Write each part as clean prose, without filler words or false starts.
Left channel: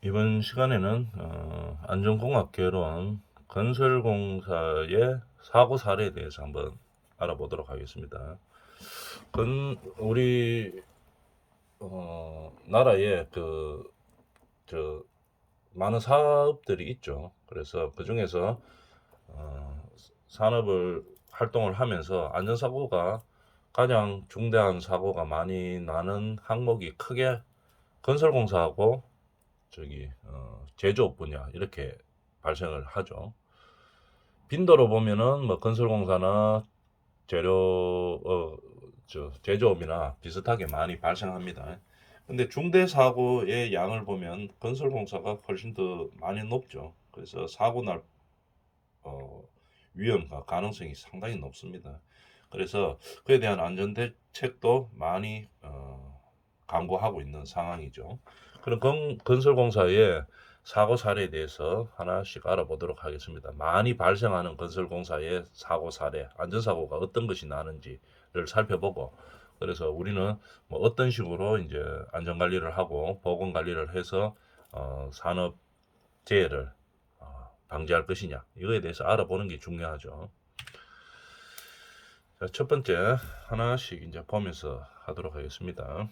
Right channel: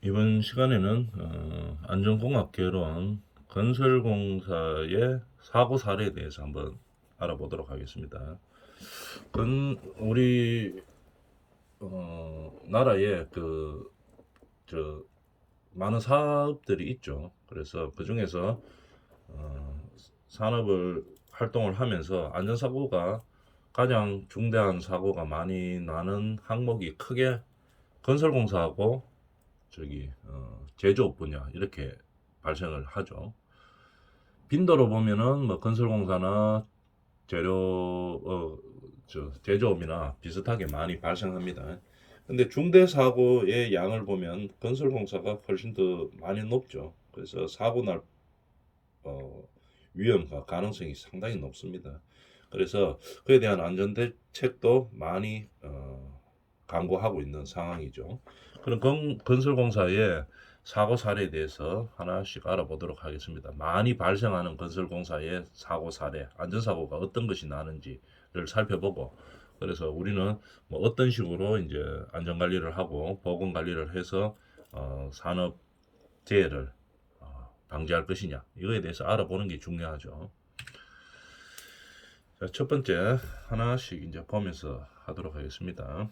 이번 시간에는 안전공학개론 건설공사의 사고 사례에 대해서 한번 알아보도록 하겠습니다. 우리 나라에 저 많은 사업들이 있죠. 그래서 그 중에서 산업을 활동을 하면서 안전사고가 가장 중대한 사고가 많이 나는 항목이 크게 건설공사하고 제조업 분야 이렇게 발생을 하죠. 빈도로 보면은 뭐 건설공사나 재료 제조업이나 비슷하게 많이 발생합니다. 근데 중대 사고의 양을 보면 건설공사가 훨씬 더 많이 높죠. 그래서 사고 날 어, 위험과 가능성이 상당히 높습니다. 그래서 그에 대한 안전 대책도 많이 강구하고 있는 상황이죠. 그럼 건설공사의 사고 사례에 대해서 하나씩 알아보도록 하겠습니다. 많이 발생하는 건설공사의 사고 사례, 안전사고가 어떤 것이 나는지를 살펴보고, 그래서 우리는 뭐 어떤 식으로 이제 안전관리를 하고 보건관리를 해서 산업재해를 방지할 것이냐, 이거에 대해서 알아보는 게 중요하죠. 자, 첫 번째 하나씩 이제 보면서 하도록 하겠습니다.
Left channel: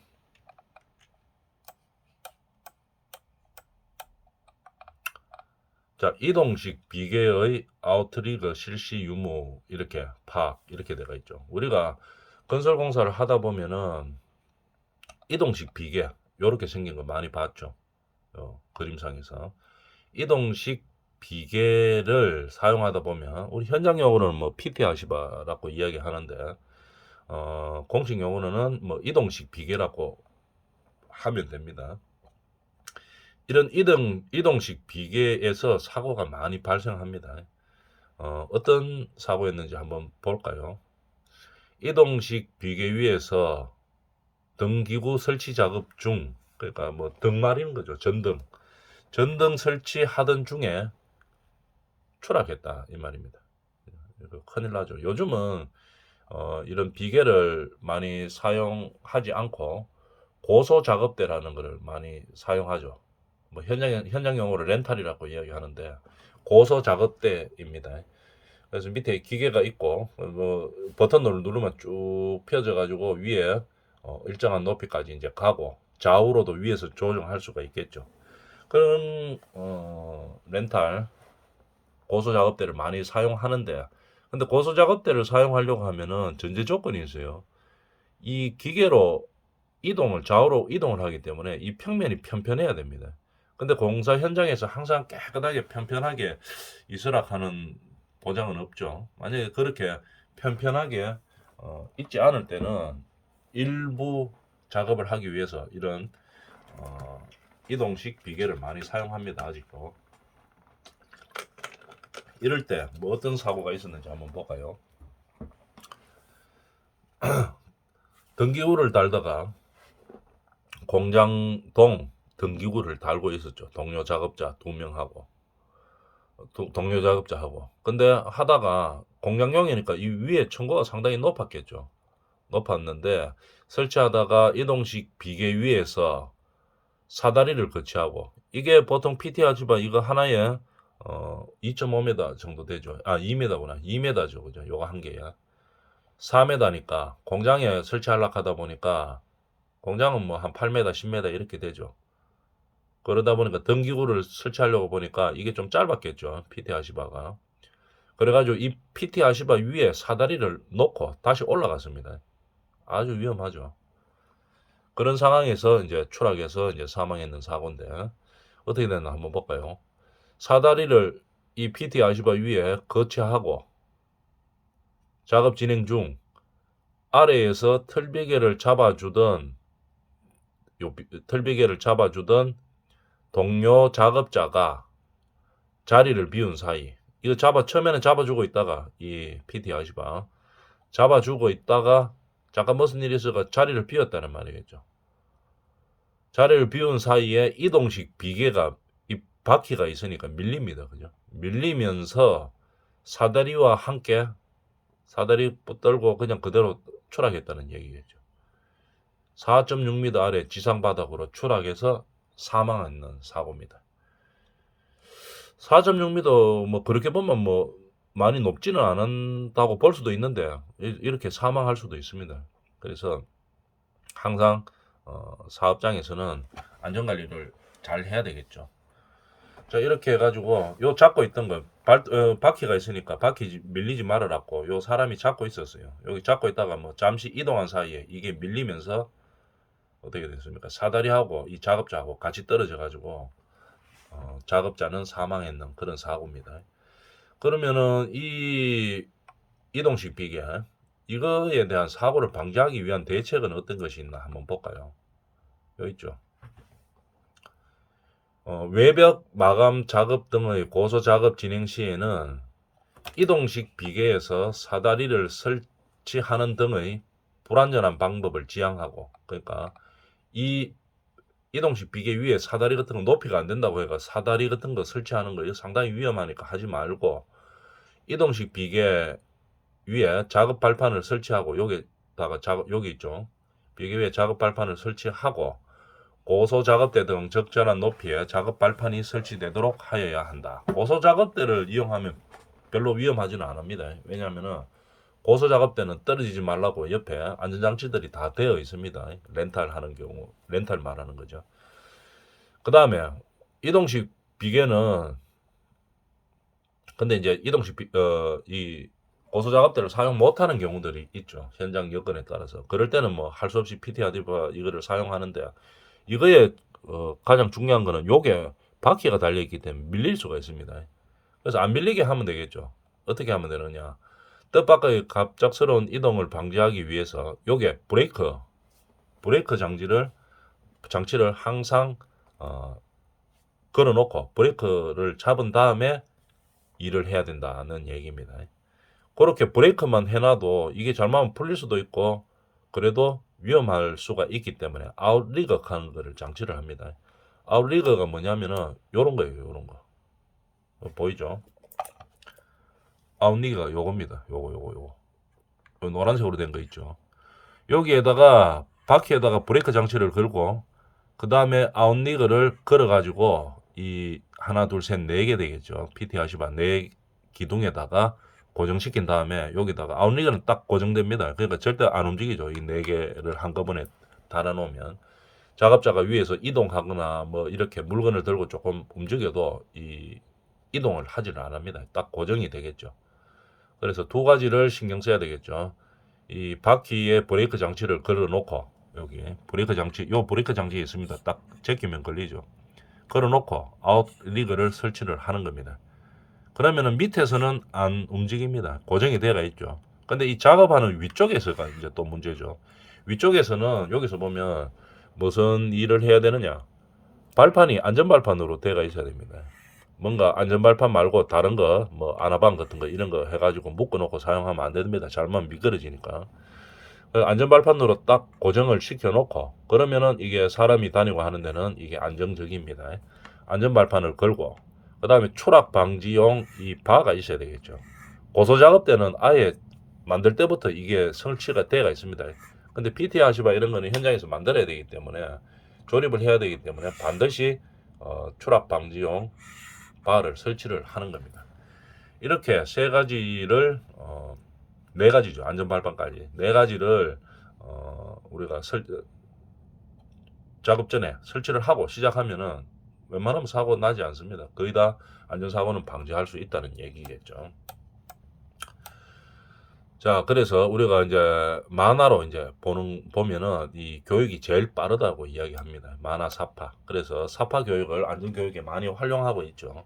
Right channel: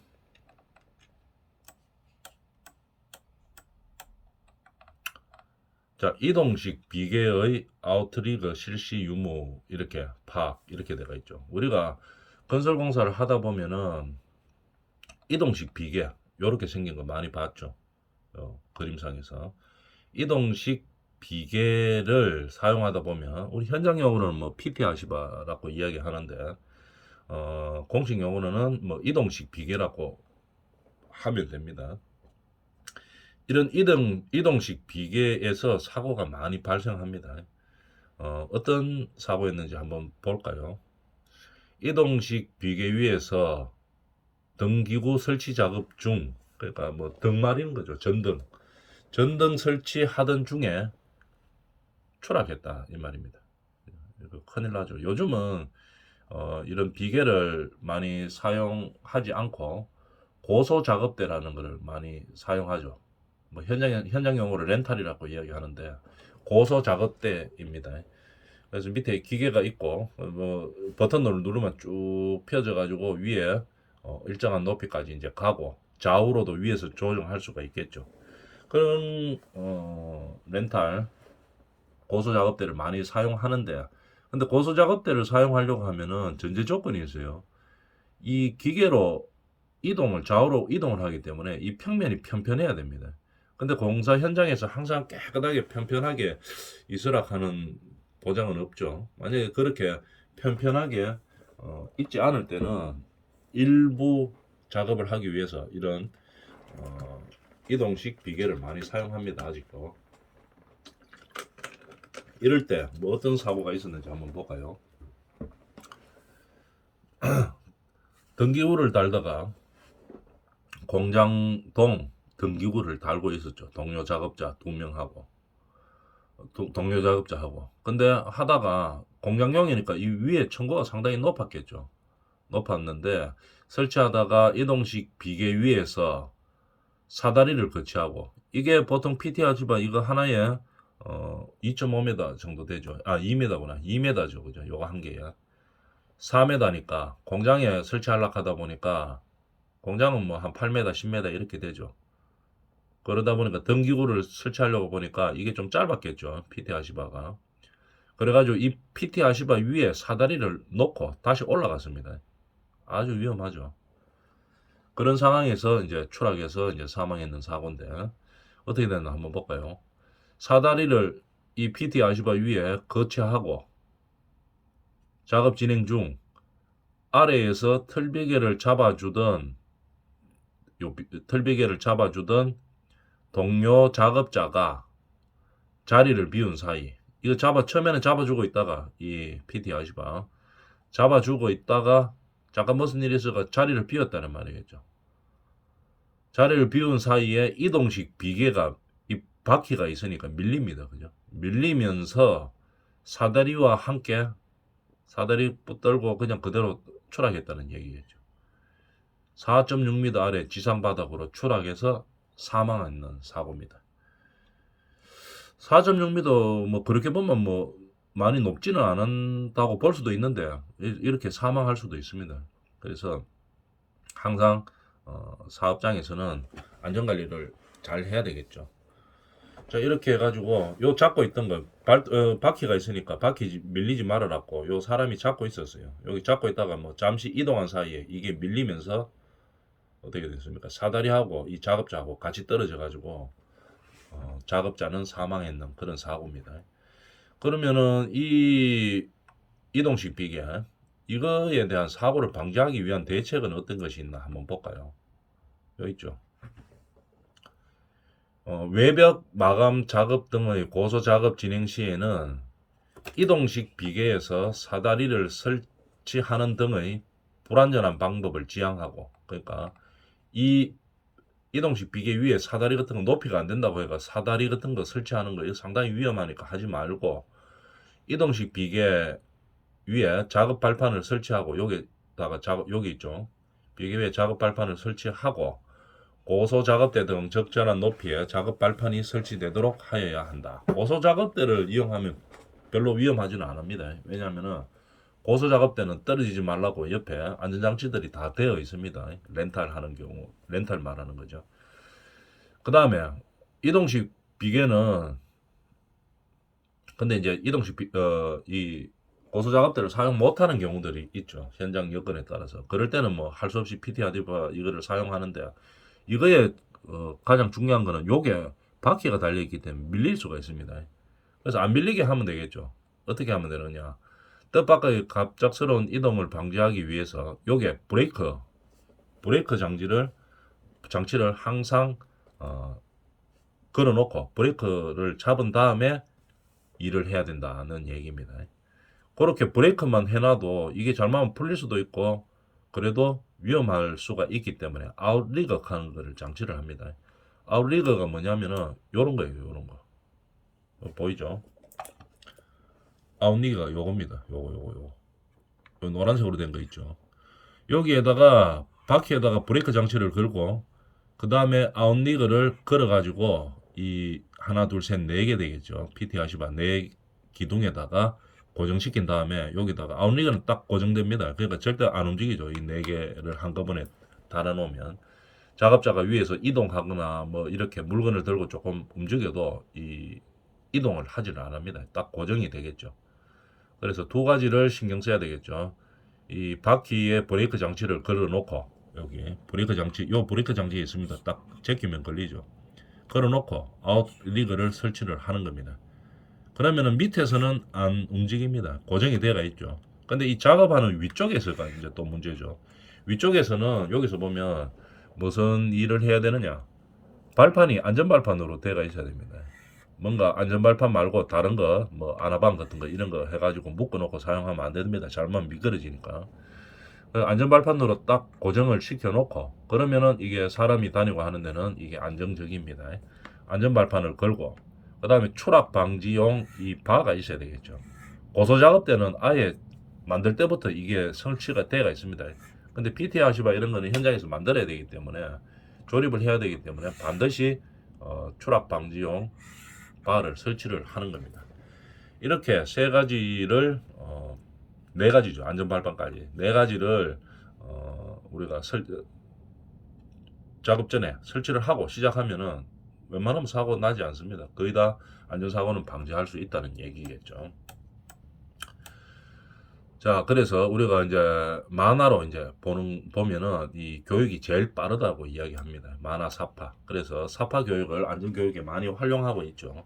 자, 이동식 비계의 아웃리그 실시 유무 이렇게 파악 이렇게 되어 있죠. 우리가 건설공사를 하다 보면은 이동식 비계 이렇게 생긴 거 많이 봤죠. 그림상에서 이동식 비계를 사용하다 보면 우리 현장 용어로는 뭐 PT 아시바라고 이야기하는데 공식 용어로는 뭐 이동식 비계라고 하면 됩니다. 이런 이동식 비계에서 사고가 많이 발생합니다. 어떤 사고였는지 한번 볼까요? 이동식 비계 위에서 등기구 설치 작업 중, 그러니까 뭐 등말이는 거죠. 전등 설치하던 중에 추락했다 이 말입니다. 큰일 나죠. 요즘은 이런 비계를 많이 사용하지 않고 고소 작업대라는 것을 많이 사용하죠. 뭐 현장 용어로 렌탈이라고 이야기하는데 고소 작업대입니다. 그래서 밑에 기계가 있고 뭐 버튼을 누르면 쭉 펴져 가지고 위에 일정한 높이까지 이제 가고 좌우로도 위에서 조정할 수가 있겠죠. 그런 렌탈 고소 작업대를 많이 사용하는데, 근데 고소 작업대를 사용하려고 하면은 전제 조건이 있어요. 이 기계로 좌우로 이동을 하기 때문에 이 평면이 편편해야 됩니다. 근데 공사 현장에서 항상 깨끗하게 편편하게 있으라 하는 보장은 없죠. 만약에 그렇게 편편하게 있지 않을 때는 일부 작업을 하기 위해서 이런 이동식 비계를 많이 사용합니다. 아직도. 이럴 때 뭐 어떤 사고가 있었는지 한번 볼까요? 등기구를 달다가 공장동 등기구를 달고 있었죠. 동료 작업자하고. 근데 하다가 공장용이니까 이 위에 층고가 상당히 높았겠죠. 높았는데 설치하다가 이동식 비계 위에서 사다리를 거치하고, 이게 보통 PT 아지바 이거 하나에 2.5m 정도 되죠. 2m구나. 2m죠. 그죠? 요거 한 개야. 4m니까 공장에 설치하려고 하다 보니까 공장은 뭐 한 8m, 10m 이렇게 되죠. 그러다 보니까 등기구를 설치하려고 보니까 이게 좀 짧았겠죠. PT 아시바가. 그래가지고 이 PT 아시바 위에 사다리를 놓고 다시 올라갔습니다. 아주 위험하죠. 그런 상황에서 이제 추락해서 이제 사망했는 사고인데 어떻게 됐나 한번 볼까요? 사다리를 이 PT 아시바 위에 거치하고 작업 진행 중 아래에서 틀비개를 잡아주던 동료 작업자가 자리를 비운 사이, 이거 처음에는 잡아주고 있다가 이 PT 아시바 잡아주고 있다가 잠깐 무슨 일이 있어가 자리를 비웠다는 말이겠죠. 자리를 비운 사이에 이동식 비계가 이 바퀴가 있으니까 밀립니다. 그죠? 밀리면서 사다리와 함께 사다리 떨고 그냥 그대로 추락했다는 얘기겠죠. 4.6m 아래 지상 바닥으로 추락해서 사망하는 사고입니다. 4.6m 뭐 그렇게 보면 뭐 많이 높지는 않다고 볼 수도 있는데 이렇게 사망할 수도 있습니다. 그래서 항상 사업장에서는 안전관리를 잘 해야 되겠죠. 자, 이렇게 해가지고 요 잡고 있던 거 바퀴가 있으니까 바퀴 밀리지 말아라고 요 사람이 잡고 있었어요. 여기 잡고 있다가 뭐 잠시 이동한 사이에 이게 밀리면서 어떻게 됐습니까? 사다리하고 이 작업자하고 같이 떨어져 가지고 작업자는 사망했는 그런 사고입니다. 그러면은 이 이동식 비계 이거에 대한 사고를 방지하기 위한 대책은 어떤 것이 있나 한번 볼까요? 여기 있죠. 외벽 마감 작업 등의 고소 작업 진행 시에는 이동식 비계에서 사다리를 설치하는 등의 불안전한 방법을 지향하고, 그러니까 이 이동식 비계 위에 사다리 같은 거 높이가 안 된다고 해가 사다리 같은 거 설치하는 거 이거 상당히 위험하니까 하지 말고, 이동식 비계 위에 작업 발판을 설치하고 여기다가 여기 있죠. 비계 위에 작업 발판을 설치하고 고소 작업대 등 적절한 높이의 작업 발판이 설치되도록 하여야 한다. 고소 작업대를 이용하면 별로 위험하지는 않습니다. 왜냐하면은 고소 작업대는 떨어지지 말라고 옆에 안전장치들이 다 되어 있습니다. 렌탈하는 경우, 렌탈 말하는 거죠. 그 다음에 이동식 비계는 근데 이제 이동식 이 고소 작업대를 사용 못하는 경우들이 있죠. 현장 여건에 따라서. 그럴 때는 뭐 할 수 없이 PT아디바 이거를 사용하는데 이거에 가장 중요한 거는 요게 바퀴가 달려있기 때문에 밀릴 수가 있습니다. 그래서 안 밀리게 하면 되겠죠. 어떻게 하면 되느냐. 뜻밖의 갑작스러운 이동을 방지하기 위해서 요게 브레이크 장치를 항상 걸어놓고 브레이크를 잡은 다음에 일을 해야 된다는 얘기입니다. 그렇게 브레이크만 해놔도 이게 잘못하면 풀릴 수도 있고 그래도 위험할 수가 있기 때문에 아웃리거 하는 거를 장치를 합니다. 아웃리거가 뭐냐면은 요런 거예요. 요런 거. 보이죠? 아웃리거가 요겁니다. 요거. 요 노란색으로 된 거 있죠. 여기에다가 바퀴에다가 브레이크 장치를 걸고 그 다음에 아웃리거를 걸어가지고 이 하나 둘 셋 네 개 되겠죠. PT 하시바 네 기둥에다가 고정시킨 다음에 여기다가 아웃리거는 딱 고정됩니다. 그러니까 절대 안 움직이죠. 이 네 개를 한꺼번에 달아놓으면 작업자가 위에서 이동하거나 뭐 이렇게 물건을 들고 조금 움직여도 이 이동을 하지를 않습니다. 딱 고정이 되겠죠. 그래서 두 가지를 신경 써야 되겠죠. 이 바퀴에 브레이크 장치를 걸어놓고 여기 브레이크 장치 있습니다. 딱 제끼면 걸리죠. 걸어놓고 아웃리그를 설치를 하는 겁니다. 그러면은 밑에서는 안 움직입니다. 고정이 되어 있죠. 근데 이 작업하는 위쪽에서가 이제 또 문제죠. 위쪽에서는 여기서 보면 무슨 일을 해야 되느냐? 발판이 안전발판으로 되어 있어야 됩니다. 뭔가 안전발판 말고 다른 거, 뭐 아나방 같은 거 이런 거 해가지고 묶어놓고 사용하면 안 됩니다. 잘못 미끄러지니까. 안전발판으로 딱 고정을 시켜놓고 그러면은 이게 사람이 다니고 하는 데는 이게 안정적입니다. 안전발판을 걸고 그 다음에 추락 방지용 이 바가 있어야 되겠죠. 고소 작업 때는 아예 만들 때부터 이게 설치가 되어 있습니다. 근데 PT 하시바 이런 거는 현장에서 만들어야 되기 때문에 조립을 해야 되기 때문에 반드시 추락 방지용 바를 설치를 하는 겁니다. 이렇게 세 가지를 네 가지죠. 안전발판까지 네 가지를 우리가 작업 전에 설치를 하고 시작하면은 웬만하면 사고 나지 않습니다. 거의 다 안전사고는 방지할 수 있다는 얘기겠죠. 자, 그래서 우리가 이제 만화로 이제 보면은 이 교육이 제일 빠르다고 이야기합니다. 만화 사파. 그래서 사파 교육을 안전교육에 많이 활용하고 있죠.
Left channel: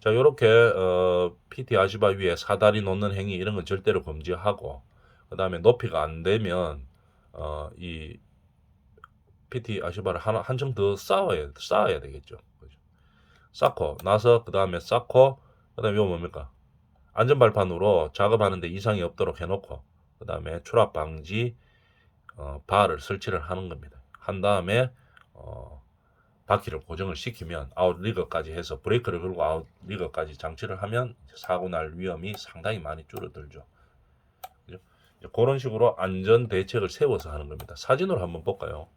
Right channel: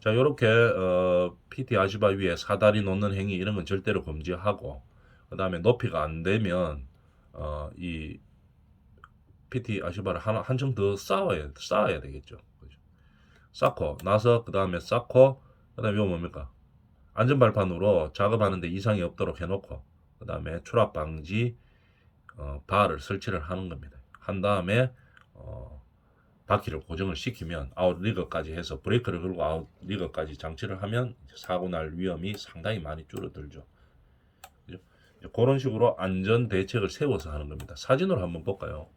자, 요렇게 PT 아시바 위에 사다리 놓는 행위 이런 건 절대로 금지하고 그 다음에 높이가 안 되면 이 PT 아시바를 한층 더 쌓아야 되겠죠. 그죠? 쌓고 나서 그 다음에 쌓고 그 다음에 이거 뭡니까? 안전발판으로 작업하는데 이상이 없도록 해놓고 그 다음에 추락 방지 바를 설치를 하는 겁니다. 한 다음에 바퀴를 고정을 시키면 아웃리거까지 해서 브레이크를 걸고 아웃리거까지 장치를 하면 사고 날 위험이 상당히 많이 줄어들죠. 그죠? 그런 식으로 안전 대책을 세워서 하는 겁니다. 사진으로 한번 볼까요?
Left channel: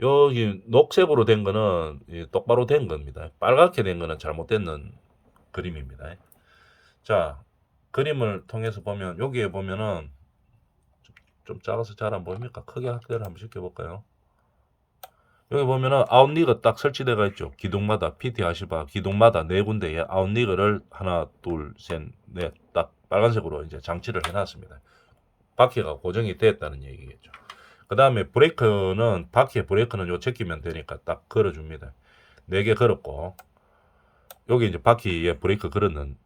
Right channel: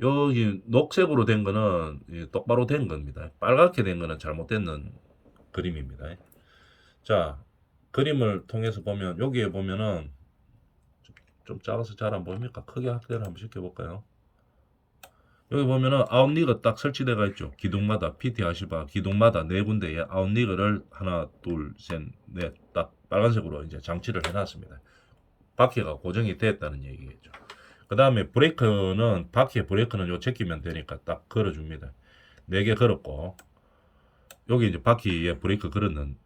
여기 녹색으로 된 거는 똑바로 된 겁니다. 빨갛게 된 거는 잘못된 그림입니다. 자, 그림을 통해서 보면 여기에 보면은 좀 작아서 잘 안 보입니까? 크게 확대를 한번 시켜볼까요? 여기 보면은 아웃리그 딱 설치되어 있죠. 기둥마다 PT 아시바 기둥마다 네 군데에 아웃리그를 하나, 둘, 셋, 넷 딱 빨간색으로 이제 장치를 해놨습니다. 바퀴가 고정이 됐다는 얘기겠죠. 그 다음에 브레이크는 바퀴에 브레이크는 요 제끼면 되니까 딱 걸어줍니다. 4개 걸었고 여기 이제 바퀴에 브레이크 걸었는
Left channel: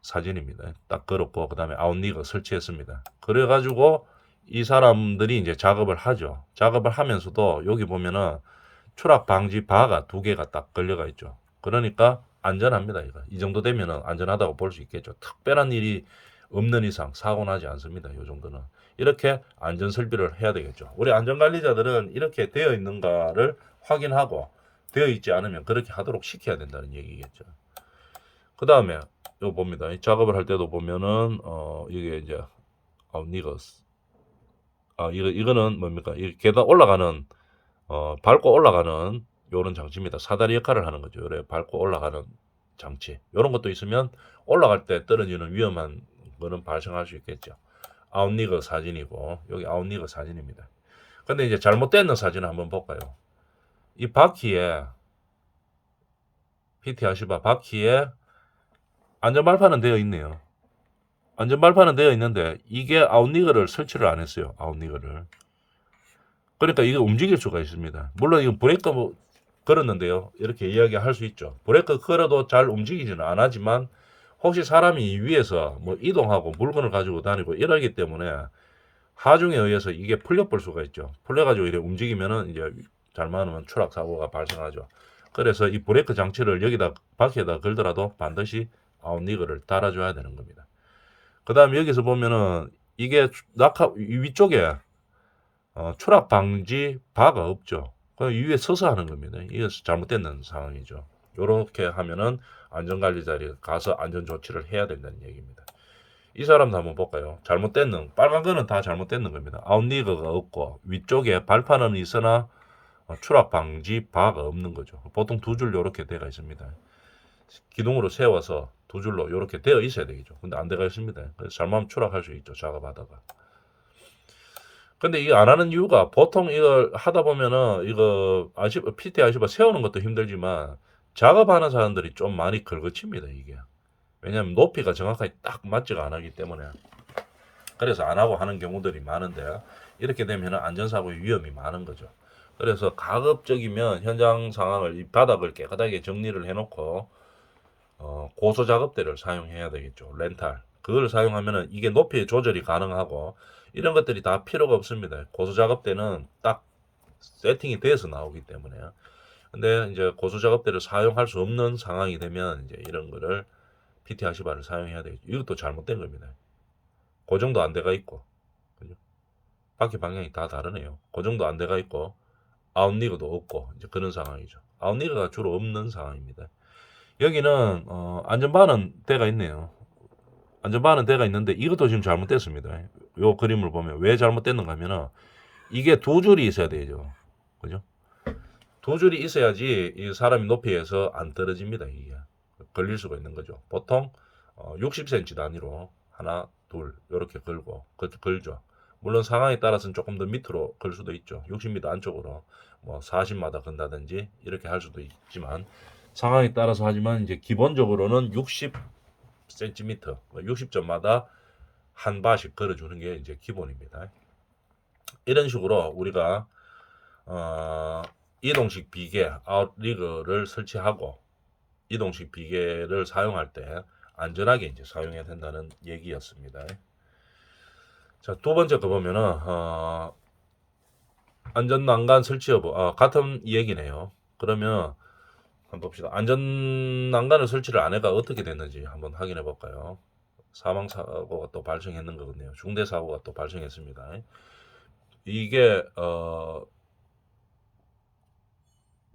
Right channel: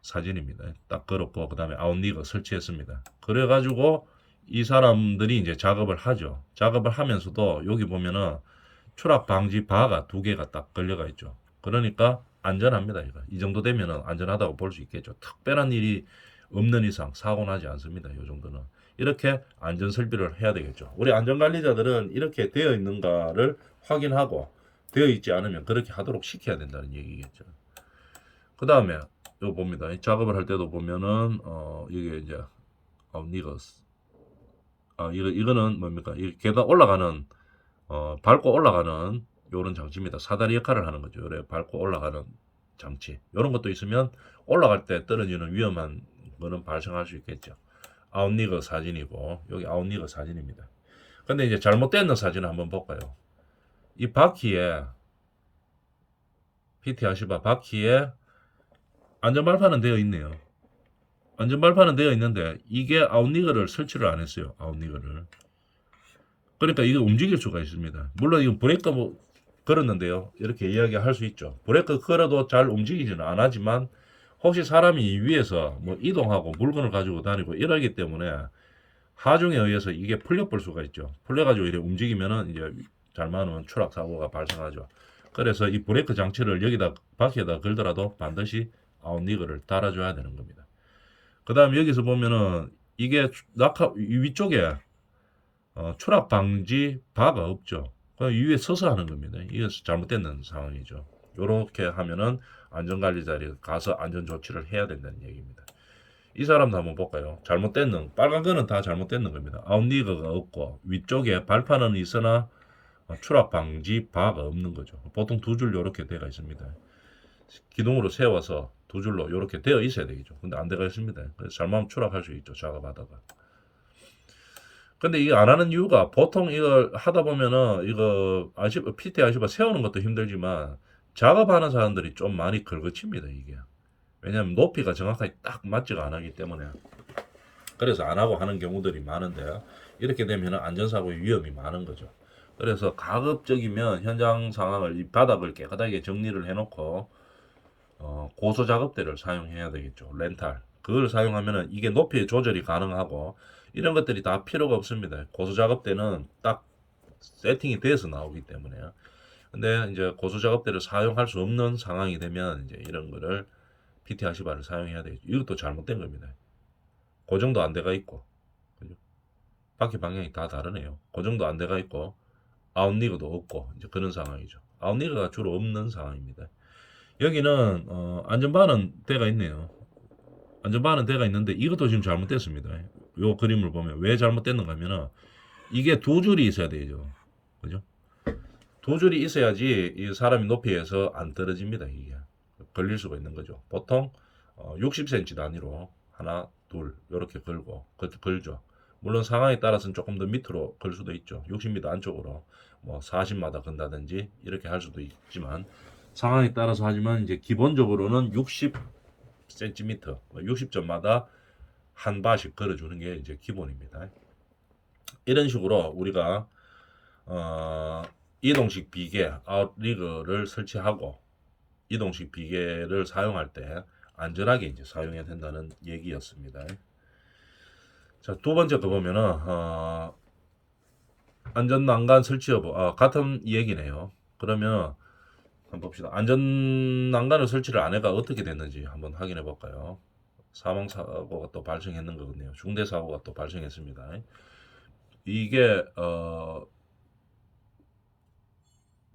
사진입니다. 딱 걸었고 그 다음에 아웃리그 설치했습니다. 그래가지고 이 사람들이 이제 작업을 하죠. 작업을 하면서도 여기 보면은 추락 방지 바가 2개가 딱 걸려가 있죠. 그러니까 안전합니다. 이거. 이 정도 되면은 안전하다고 볼 수 있겠죠. 특별한 일이 없는 이상 사고 나지 않습니다. 이 정도는. 이렇게 안전 설비를 해야 되겠죠. 우리 안전관리자들은 이렇게 되어 있는가를 확인하고 되어 있지 않으면 그렇게 하도록 시켜야 된다는 얘기겠죠. 그 다음에 이거 봅니다. 작업을 할 때도 보면은 이게 이제 니거스 이거는 뭡니까? 이 계단 올라가는 밟고 올라가는 요런 장치입니다. 사다리 역할을 하는 거죠. 요래 밟고 올라가는 장치. 요런 것도 있으면 올라갈 때 떨어지는 위험한 거는 발생할 수 있겠죠. 아웃리거 사진이고 여기 아웃리거 사진입니다. 근데 이제 잘못된 사진을 한번 볼까요? 이 바퀴에 PT 아시바 바퀴에 안전발판은 되어 있네요. 안전발판은 되어 있는데 이게 아웃리거를 설치를 안 했어요. 아웃리거를. 그러니까 이게 움직일 수가 있습니다. 물론 이거 브레이크 걸었는데요. 이렇게 이야기할 수 있죠. 브레이크 걸어도 잘 움직이지는 않지만 혹시 사람이 위에서 뭐 이동하고 물건을 가지고 다니고 이러기 때문에 하중에 의해서 이게 풀려볼 수가 있죠. 풀려가지고 이렇게 움직이면은 이제 잘못하면 추락 사고가 발생하죠. 그래서 이 브레이크 장치를 여기다 바퀴에다 걸더라도 반드시 아웃리그를 달아줘야 되는 겁니다. 그 다음 여기서 보면은 이게 낙하 위쪽에 추락 방지 바가 없죠. 그 위에 서서 하는 겁니다. 이게 잘못된 상황이죠. 이렇게 하면은 안전관리자리에 가서 안전조치를 해야 된다는 얘기입니다. 이 사람도 한번 볼까요? 잘못된 빨간 거는 다 잘못된 겁니다. 아웃리거가 없고 위쪽에 발판은 있으나 추락 방지 바가 없는 거죠. 보통 2줄 이렇게 되어 있습니다. 기둥으로 세워서 2줄로 이렇게 되어 있어야 되겠죠. 근데 안 되어 있습니다. 그래서 잘못하면 추락할 수 있죠. 작업하다가. 근데 이게 안 하는 이유가 보통 이걸 하다 보면은 이거 PT 아시바 세우는 것도 힘들지만 작업하는 사람들이 좀 많이 걸거칩니다. 이게. 왜냐하면 높이가 정확하게 딱 맞지가 않기 때문에. 그래서 안 하고 하는 경우들이 많은데 이렇게 되면 안전사고의 위험이 많은 거죠. 그래서 가급적이면 현장 상황을 이 바닥을 깨끗하게 정리를 해놓고 고소 작업대를 사용해야 되겠죠. 렌탈. 그걸 사용하면은 이게 높이 조절이 가능하고 이런 것들이 다 필요가 없습니다. 고소 작업대는 딱 세팅이 돼서 나오기 때문에요. 근데 이제 고소 작업대를 사용할 수 없는 상황이 되면 이제 이런 거를 PT 아시바를 사용해야 되겠죠. 이것도 잘못된 겁니다. 고정도 안 돼가 있고 그죠? 바퀴 방향이 다 다르네요. 고정도 안 돼가 있고 아웃리그도 없고 이제 그런 상황이죠. 아웃리그가 주로 없는 상황입니다. 여기는 안전바는 대가 있네요. 안전바는 대가 있는데 이것도 지금 잘못됐습니다. 요 그림을 보면 왜 잘못됐는가 하면은 이게 2줄이 있어야 되죠. 그죠? 2줄이 있어야지 이 사람이 높이에서 안 떨어집니다. 이게 걸릴 수가 있는 거죠. 보통 60cm 단위로 하나, 둘 이렇게 걸고 걸죠. 물론 상황에 따라서는 조금 더 밑으로 걸 수도 있죠. 60m 안쪽으로 뭐 40마다 건다든지 이렇게 할 수도 있지만 상황에 따라서 하지만 이제 기본적으로는 60cm, 60점마다 한 바씩 걸어주는 게 이제 기본입니다. 이런 식으로 우리가 이동식 비계 아웃리그를 설치하고 이동식 비계를 사용할 때 안전하게 이제 사용해야 된다는 얘기였습니다. 자, 2번째 거 보면은 안전난간 설치 여부 같은 얘기네요. 그러면 한번 봅시다. 안전난간을 설치를 안 해가 어떻게 됐는지 한번 확인해 볼까요? 사망사고가 또 발생했는 거거든요. 중대사고가 또 발생했습니다. 이게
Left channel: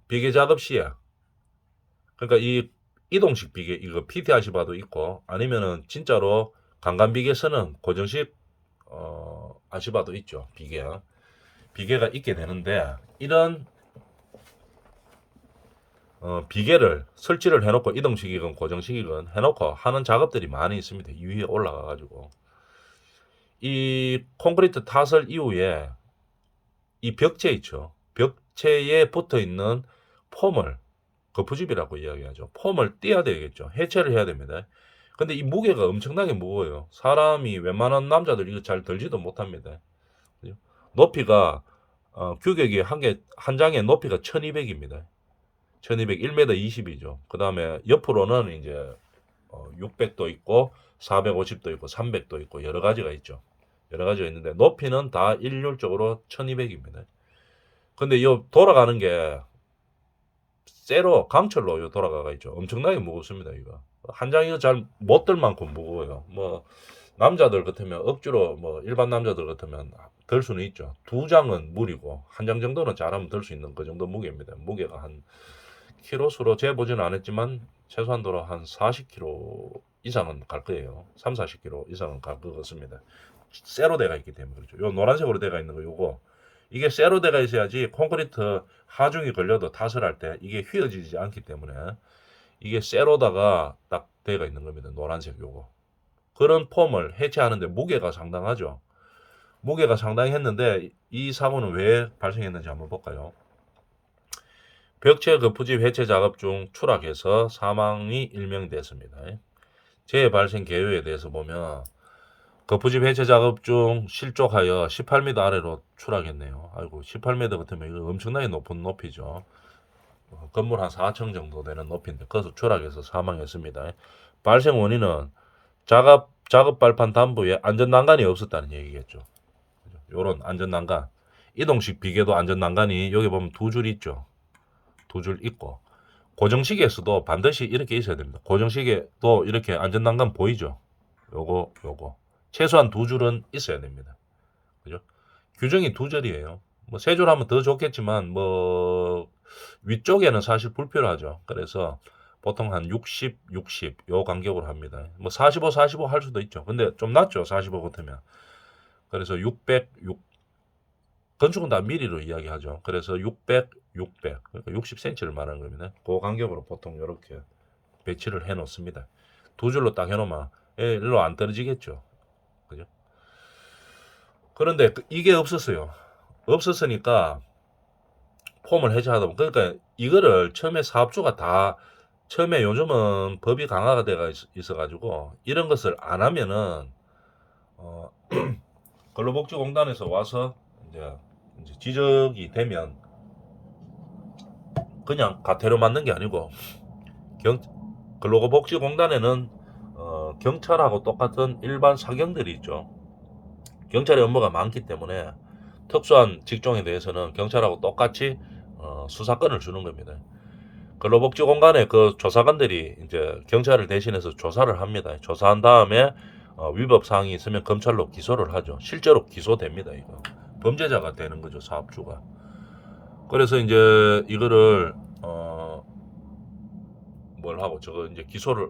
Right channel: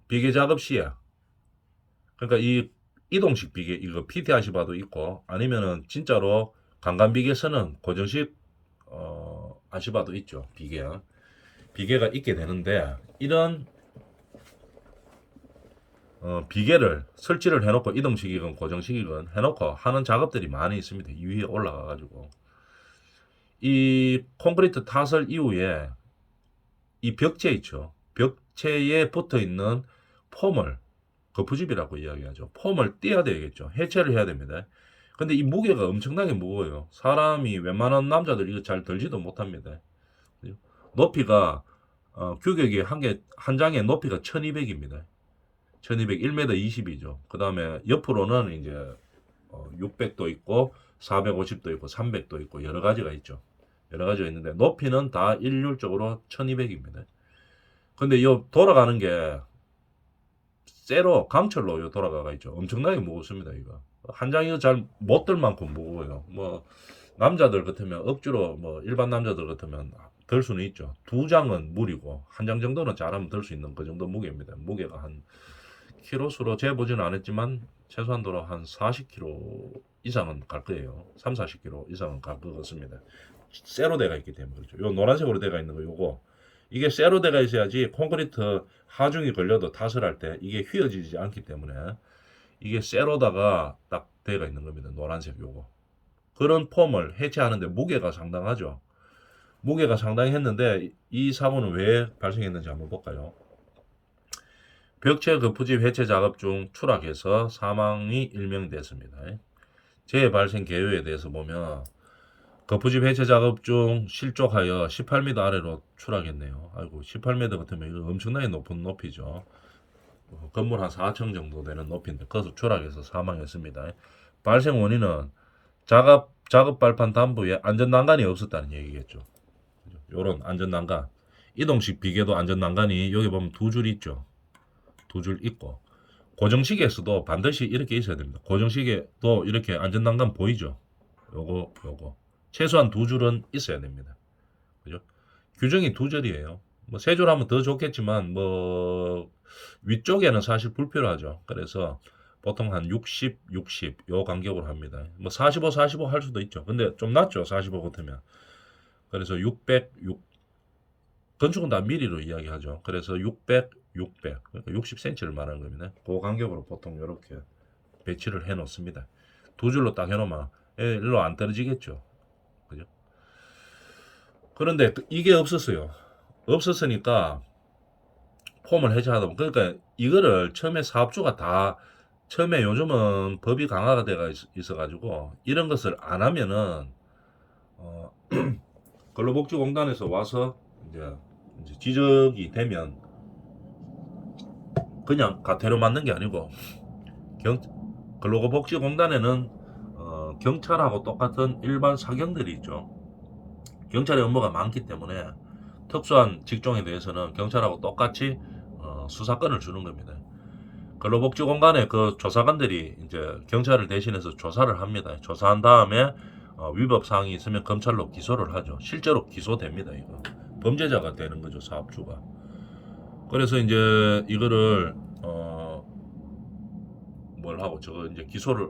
비계 작업 시에 그러니까 이 이동식 비계 이거 PT 아시바도 있고 아니면은 진짜로 강간 비계 쓰는 고정식 아시바도 있죠. 비계가 있게 되는데 이런 비계를 설치를 해놓고 이동식이건 고정식이건 해놓고 하는 작업들이 많이 있습니다. 이 위에 올라가 가지고 이 콘크리트 타설 이후에 이 벽체 있죠. 벽체에 붙어 있는 폼을 거푸집이라고 이야기하죠. 폼을 떼야 되겠죠. 해체를 해야 됩니다. 근데 이 무게가 엄청나게 무거워요. 사람이 웬만한 남자들 이거 잘 들지도 못합니다. 높이가 규격이 한 장의 높이가 1200입니다. 1200, 1m 20이죠. 그 다음에 옆으로는 이제 600도 있고 450도 있고 300도 있고 여러 가지가 있죠. 여러 가지가 있는데 높이는 다 일률적으로 1200입니다. 근데 이 돌아가는 게 쇠로 강철로 요 돌아가가 있죠. 엄청나게 무겁습니다. 이거 한 장 이거 잘 못 들 만큼 무거워요. 뭐 남자들 같으면 억지로 뭐 일반 남자들 같으면 들 수는 있죠. 두 장은 무리고 한 장 정도는 잘하면 들 수 있는 그 정도 무게입니다. 무게가 한 키로수로 재보지는 않았지만 최소한도로 한 40kg 이상은 갈 거예요. 3, 40kg 이상은 갈 것 같습니다. 쇠로 되어 있기 때문에 그렇죠. 요 노란색으로 되어 있는 거 요거 이게 쇠로 되어 있어야지 콘크리트 하중이 걸려도 타설할 때 이게 휘어지지 않기 때문에 이게 쇠로다가 딱 되어 있는 겁니다. 노란색 요거. 그런 폼을 해체하는데 무게가 상당하죠. 무게가 상당히 했는데 이 사고는 왜 발생했는지 한번 볼까요? 벽체 거푸집 해체 작업 중 추락해서 사망이 일명됐습니다. 재해 발생 개요에 대해서 보면 거푸집 해체 작업 중 실족하여 18m 아래로 추락했네요. 아이고 18m 같으면 이거 엄청나게 높은 높이죠. 건물 한 4층 정도 되는 높이인데 거기서 추락해서 사망했습니다. 발생 원인은 작업 발판 단부에 안전 난간이 없었다는 얘기겠죠. 요런 안전 난간, 이동식 비계도 안전 난간이 여기 보면 두 줄 있죠. 두 줄 있고 고정시계에서도 반드시 이렇게 있어야 됩니다. 고정시계도 이렇게 안전 난간 보이죠. 요거 최소한 두 줄은 있어야 됩니다. 그죠? 규정이 두 줄이에요. 뭐 세 줄 하면 더 좋겠지만 뭐 위쪽에는 사실 불필요하죠. 그래서 보통 한 60, 60 요 간격으로 합니다. 뭐 45, 45 할 수도 있죠. 근데 좀 낫죠. 45 같으면. 그래서 600, 6 건축은 다 미리로 이야기하죠. 그래서 600, 600 그러니까 60cm를 말하는 겁니다. 그 간격으로 보통 이렇게 배치를 해 놓습니다. 두 줄로 딱 해놓으면 일로 안 떨어지겠죠. 그죠? 그런데 이게 없었어요. 없었으니까 폼을 해체하다 보면 그러니까 이거를 처음에 사업주가 다 처음에 요즘은 법이 강화가 돼가 있어가지고 이런 것을 안 하면은 근로복지공단에서 와서 이제 지적이 되면 그냥 가태료 맞는 게 아니고 근로복지공단에는 경찰하고 똑같은 일반 사경들이 있죠. 경찰의 업무가 많기 때문에 특수한 직종에 대해서는 경찰하고 똑같이 수사권을 주는 겁니다. 근로복지공단의 그 조사관들이 이제 경찰을 대신해서 조사를 합니다. 조사한 다음에 위법 사항이 있으면 검찰로 기소를 하죠. 실제로 기소됩니다. 이거 범죄자가 되는 거죠, 사업주가. 그래서 이제 이거를 뭘 하고 저거 이제 기소를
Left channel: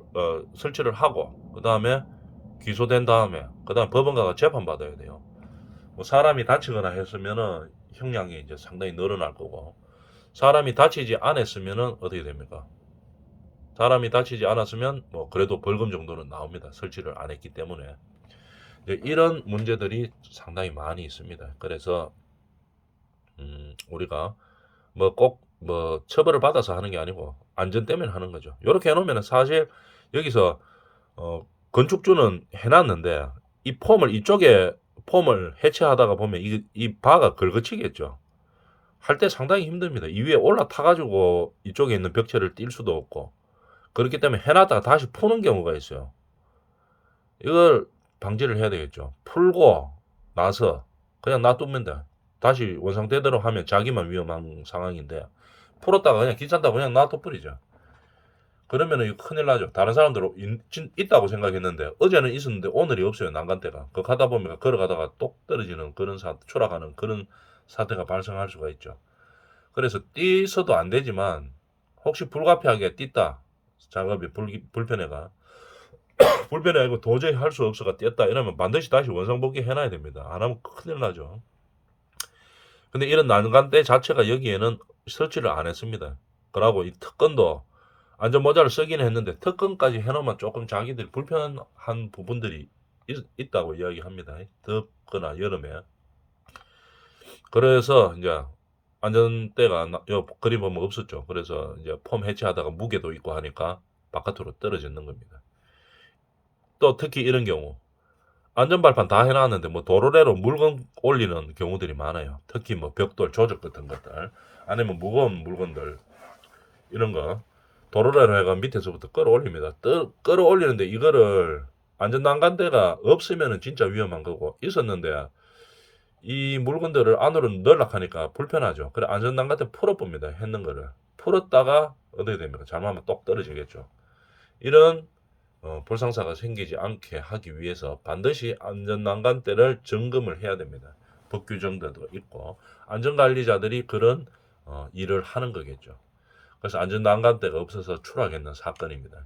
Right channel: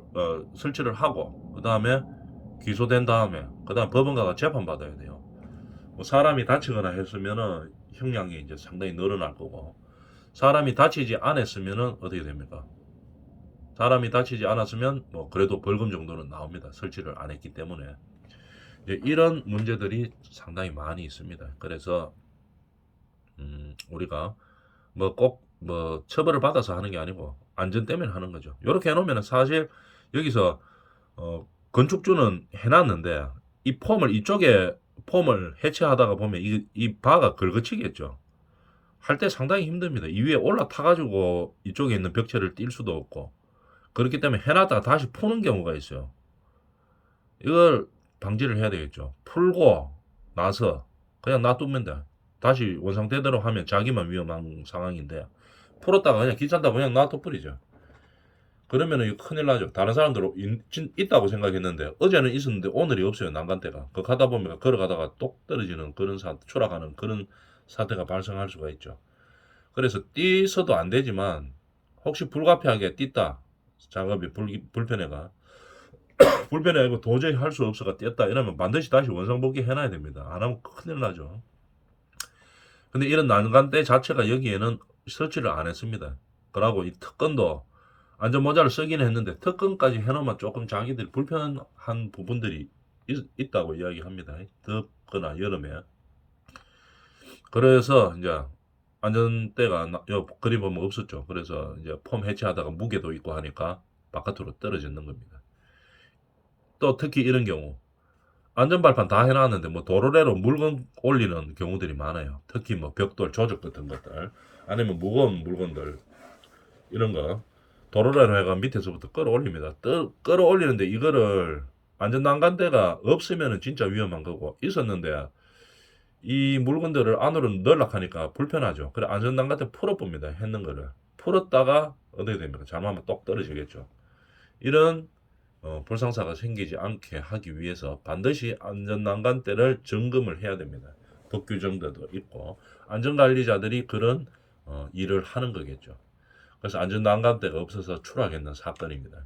설치를 하고 그 다음에 기소된 다음에 그 다음 법원가가 재판 받아야 돼요. 뭐 사람이 다치거나 했으면은 형량이 이제 상당히 늘어날 거고 사람이 다치지 않았으면은 어떻게 됩니까? 사람이 다치지 않았으면 뭐 그래도 벌금 정도는 나옵니다. 설치를 안 했기 때문에 이런 문제들이 상당히 많이 있습니다. 그래서 우리가 뭐 꼭 뭐 처벌을 받아서 하는 게 아니고 안전 때문에 하는 거죠. 이렇게 해놓으면 사실 여기서 건축주는 해놨는데 이 폼을 이쪽에 폼을 해체하다가 보면 이 바가 긁어치겠죠. 할 때 상당히 힘듭니다. 이 위에 올라타가지고 이쪽에 있는 벽체를 뛸 수도 없고 그렇기 때문에 해놨다가 다시 푸는 경우가 있어요. 이걸 방지를 해야 되겠죠. 풀고 나서 그냥 놔두면 돼. 다시 원상태대로 하면 자기만 위험한 상황인데 풀었다가 그냥 귀찮다고 그냥 놔둬버리죠. 그러면 이거 큰일 나죠. 다른 사람들은 있다고 생각했는데 어제는 있었는데 오늘이 없어요. 난간대가. 그 가다 보면 걸어가다가 똑 떨어지는 그런 추락하는 그런 사태가 발생할 수가 있죠. 그래서 뛰어도 안 되지만 혹시 불가피하게 뛰다 작업이 불편해가 불편해가 도저히 할 수 없어가 뛰었다 이러면 반드시 다시 원상복귀 해놔야 됩니다. 안 하면 큰일 나죠. 근데 이런 난간대 자체가 여기에는 설치를 안 했습니다. 그러고 이 특건도 안전모자를 쓰긴 했는데 특건까지 해놓으면 조금 자기들 불편한 부분들이 있다고 이야기합니다. 덥거나 여름에. 그래서 이제 안전대가 요 그림 보면 없었죠. 그래서 이제 폼 해체하다가 무게도 있고 하니까 바깥으로 떨어지는 겁니다. 또 특히 이런 경우 안전발판 다 해놨는데 뭐 도로래로 물건 올리는 경우들이 많아요. 특히 뭐 벽돌 조적 같은 것들 아니면 무거운 물건들 이런 거 도로래로 해가 밑에서부터 끌어올립니다. 끌어올리는데 이거를 안전난간대가 없으면 진짜 위험한 거고 있었는데 이 물건들을 안으로 넣으려고 하니까 불편하죠. 그래 안전난간대 풀어봅니다. 했는 거를 풀었다가 어떻게 됩니까? 잘못하면 똑 떨어지겠죠. 이런 불상사가 생기지 않게 하기 위해서 반드시 안전난간대를 점검을 해야 됩니다. 법 규정들도 있고 안전관리자들이 그런 일을 하는 거겠죠. 그래서 안전난간대가 없어서 추락했는 사건입니다.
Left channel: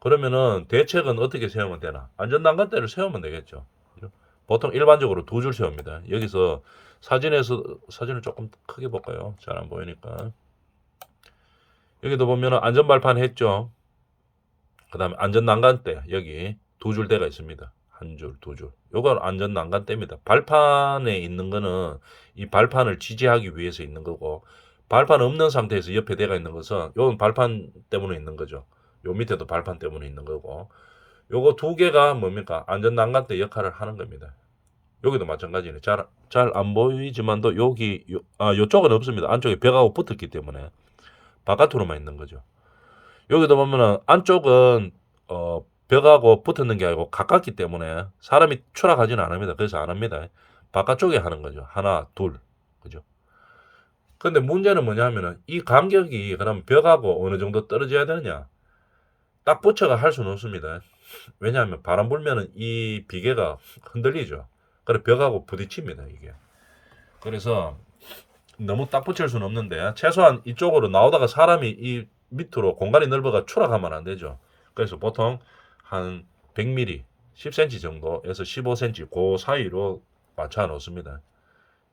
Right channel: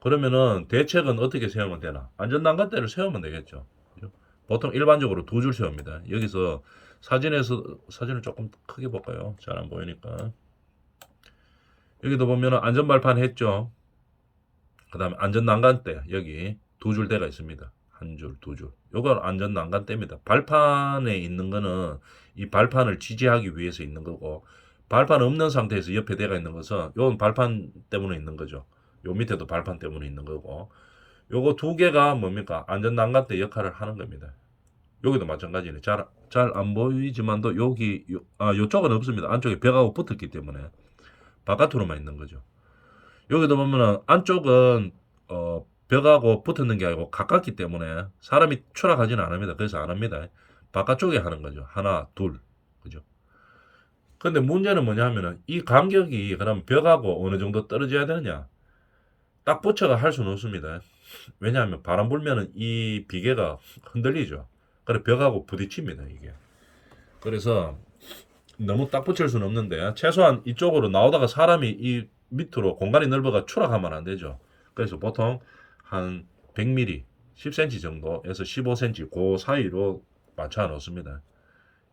그러면은 대책은 어떻게 세우면 되나? 안전난간대를 세우면 되겠죠. 그죠? 보통 일반적으로 두 줄 세웁니다. 여기서 사진을 조금 크게 볼까요? 잘 안 보이니까. 여기도 보면은 안전발판 했죠. 그 다음에 안전난간대 여기 두 줄 대가 있습니다. 한 줄, 두 줄. 요건 안전난간대입니다. 발판에 있는 거는 이 발판을 지지하기 위해서 있는 거고 발판 없는 상태에서 옆에 대가 있는 것은 요건 발판 때문에 있는 거죠. 요 밑에도 발판 때문에 있는 거고 요거 두 개가 뭡니까? 안전난간대 역할을 하는 겁니다. 여기도 마찬가지네. 잘 안 보이지만도 요쪽은 없습니다. 안쪽에 벽하고 붙었기 때문에 바깥으로만 있는 거죠. 여기도 보면은 안쪽은 벽하고 붙었는 게 아니고 가깝기 때문에 사람이 추락하지는 않습니다. 그래서 안 합니다. 바깥쪽에 하는 거죠. 하나, 둘. 그죠? 근데 문제는 뭐냐 하면은 이 간격이 그럼 벽하고 어느 정도 떨어져야 되느냐? 딱 붙여가 할 수는 없습니다. 왜냐하면 바람 불면은 이 비계가 흔들리죠. 그래 벽하고 부딪힙니다, 이게. 그래서 너무 딱 붙일 수는 없는데 최소한 이쪽으로 나오다가 사람이 이 밑으로 공간이 넓어가 추락하면 안 되죠. 그래서 보통 한 100mm, 10cm 정도에서 15cm 그 사이로 맞춰 놓습니다.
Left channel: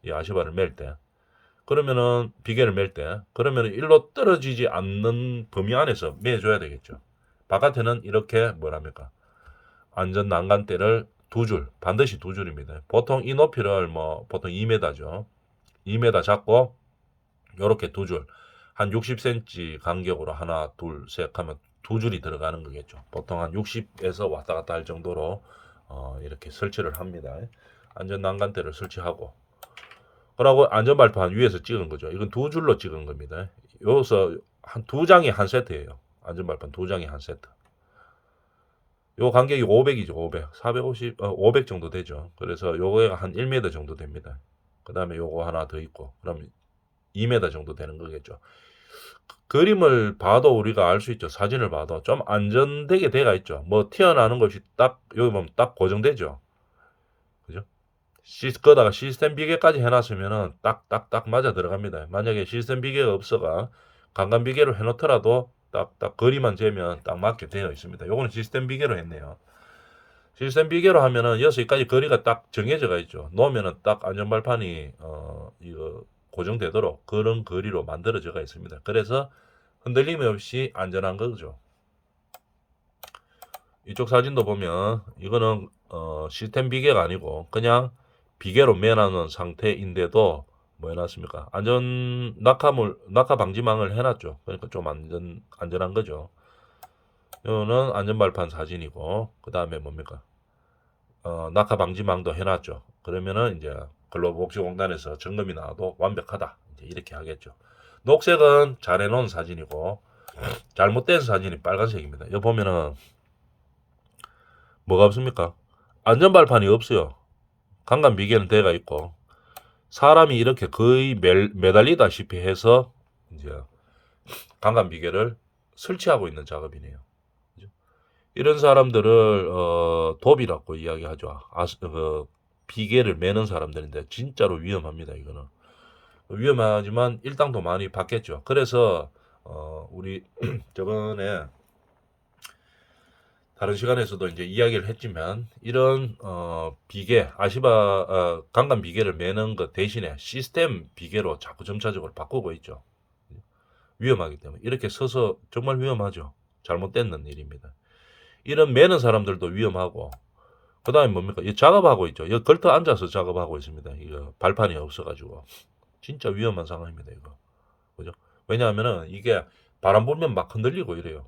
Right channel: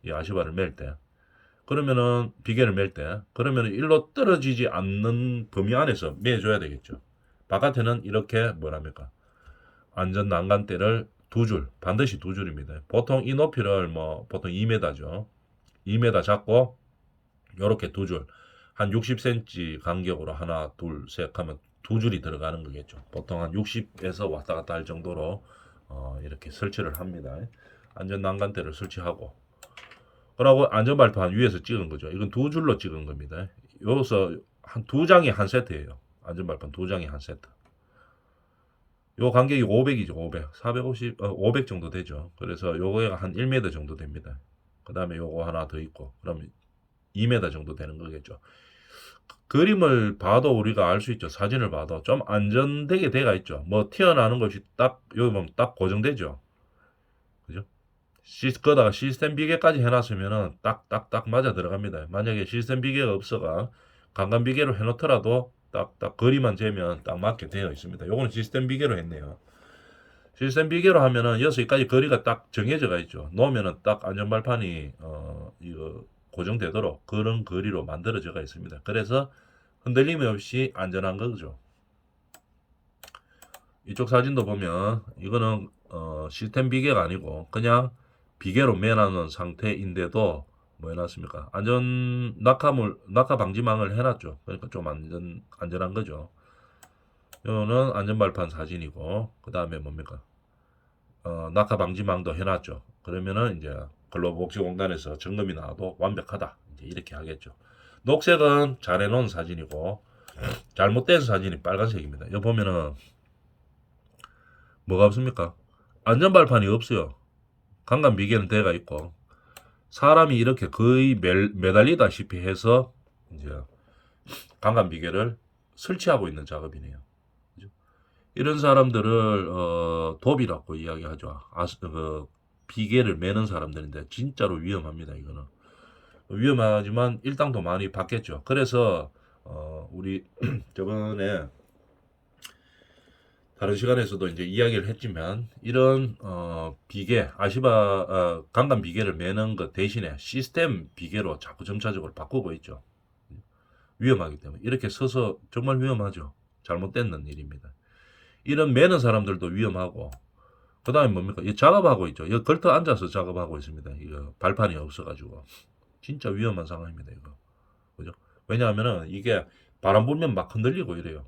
이 아시바를 맬 때. 그러면은 비계를 맬 때, 그러면은 일로 떨어지지 않는 범위 안에서 매줘야 되겠죠. 바깥에는 이렇게 뭐랍니까? 안전 난간대를 두 줄, 반드시 두 줄입니다. 보통 이 높이를 뭐 보통 2m죠. 2m 잡고 요렇게 두 줄, 한 60cm 간격으로 하나, 둘, 셋 하면 두 줄이 들어가는 거겠죠. 보통 한 60에서 왔다 갔다 할 정도로 이렇게 설치를 합니다. 안전 난간대를 설치하고 그러고 안전발판 위에서 찍은 거죠. 이건 두 줄로 찍은 겁니다. 여기서 한 두 장이 한 세트예요. 안전발판 두 장이 한 세트. 요 간격이 500이죠. 500. 450, 500 정도 되죠. 그래서 요거가 한 1m 정도 됩니다. 그 다음에 요거 하나 더 있고, 그럼 2m 정도 되는 거겠죠. 그림을 봐도 우리가 알 수 있죠. 사진을 봐도 좀 안전되게 돼가 있죠. 뭐 튀어나오는 것이 딱 여기 보면 딱 고정되죠. 그죠? 거다가 시스템 비계까지 해놨으면은 딱딱딱 맞아 들어갑니다. 만약에 시스템 비계가 없어가 강간 비계로 해놓더라도 딱딱 거리만 재면 딱 맞게 되어 있습니다. 요거는 시스템 비계로 했네요. 시스템 비계로 하면은 여기까지 거리가 딱 정해져가 있죠. 놓으면은 딱 안전발판이 이거 고정되도록 그런 거리로 만들어져가 있습니다. 그래서 흔들림 없이 안전한 거죠. 이쪽 사진도 보면 이거는 시스템 비계가 아니고 그냥 비계로 매놓은 상태인데도 뭐 해놨습니까? 낙하 방지망을 해놨죠. 그러니까 좀 안전한 거죠. 이거는 안전발판 사진이고 그 다음에 뭡니까? 낙하 방지망도 해놨죠. 그러면은 이제 근로복지공단에서 점검이 나와도 완벽하다. 이제 이렇게 하겠죠. 녹색은 잘 해놓은 사진이고 잘못된 사진이 빨간색입니다. 여기 보면은 뭐가 없습니까? 안전발판이 없어요. 강간 비계는 대가 있고 사람이 이렇게 거의 매달리다시피 해서 이제 강간 비계를 설치하고 있는 작업이네요. 그죠? 이런 사람들을 도비라고 이야기하죠. 비계를 매는 사람들인데 진짜로 위험합니다. 이거는 위험하지만 일당도 많이 받겠죠. 그래서 우리 저번에 다른 시간에서도 이제 이야기를 했지만 이런 비계 강간 비계를 매는 것 대신에 시스템 비계로 자꾸 점차적으로 바꾸고 있죠. 위험하기 때문에 이렇게 서서 정말 위험하죠. 잘못된 일입니다. 이런 매는 사람들도 위험하고 그다음에 뭡니까? 이 작업하고 있죠. 여기 걸터 앉아서 작업하고 있습니다. 이거 발판이 없어가지고 진짜 위험한 상황입니다. 이거 그죠? 왜냐하면은 이게 바람 불면 막 흔들리고 이래요.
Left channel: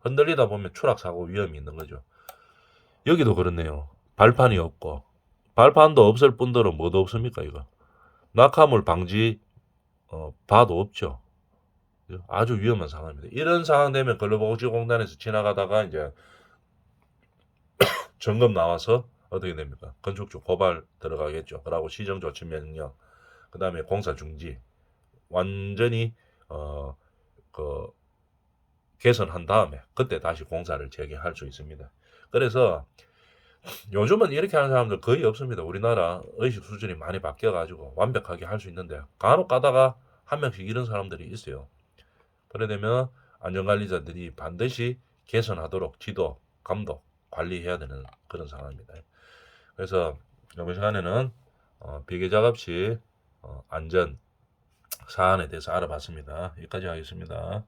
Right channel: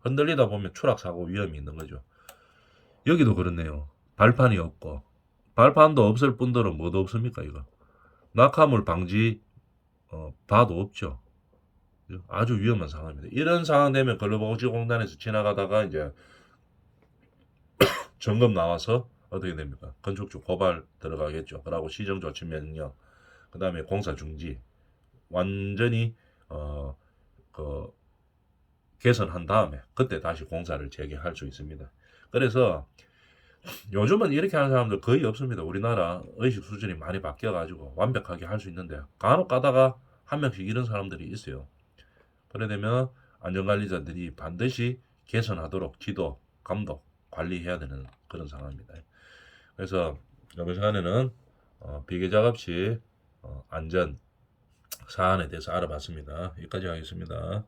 흔들리다 보면 추락 사고 위험이 있는 거죠. 여기도 그렇네요. 발판이 없고 발판도 없을 뿐더러 뭐도 없습니까 이거? 낙하물 방지 바도 없죠. 그죠? 아주 위험한 상황입니다. 이런 상황 되면 근로복지공단에서 지나가다가 이제 점검 나와서 어떻게 됩니까? 건축주 고발 들어가겠죠. 그러고 시정조치 명령, 그 다음에 공사 중지, 완전히 그 개선한 다음에 그때 다시 공사를 재개할 수 있습니다. 그래서 요즘은 이렇게 하는 사람들 거의 없습니다. 우리나라 의식 수준이 많이 바뀌어가지고 완벽하게 할 수 있는데 간혹 가다가 한 명씩 이런 사람들이 있어요. 그래 되면 안전관리자들이 반드시 개선하도록 지도, 감독, 관리해야 되는 그런 상황입니다. 그래서 이번 시간에는 비계작업 시 안전 사안에 대해서 알아봤습니다. 여기까지 하겠습니다.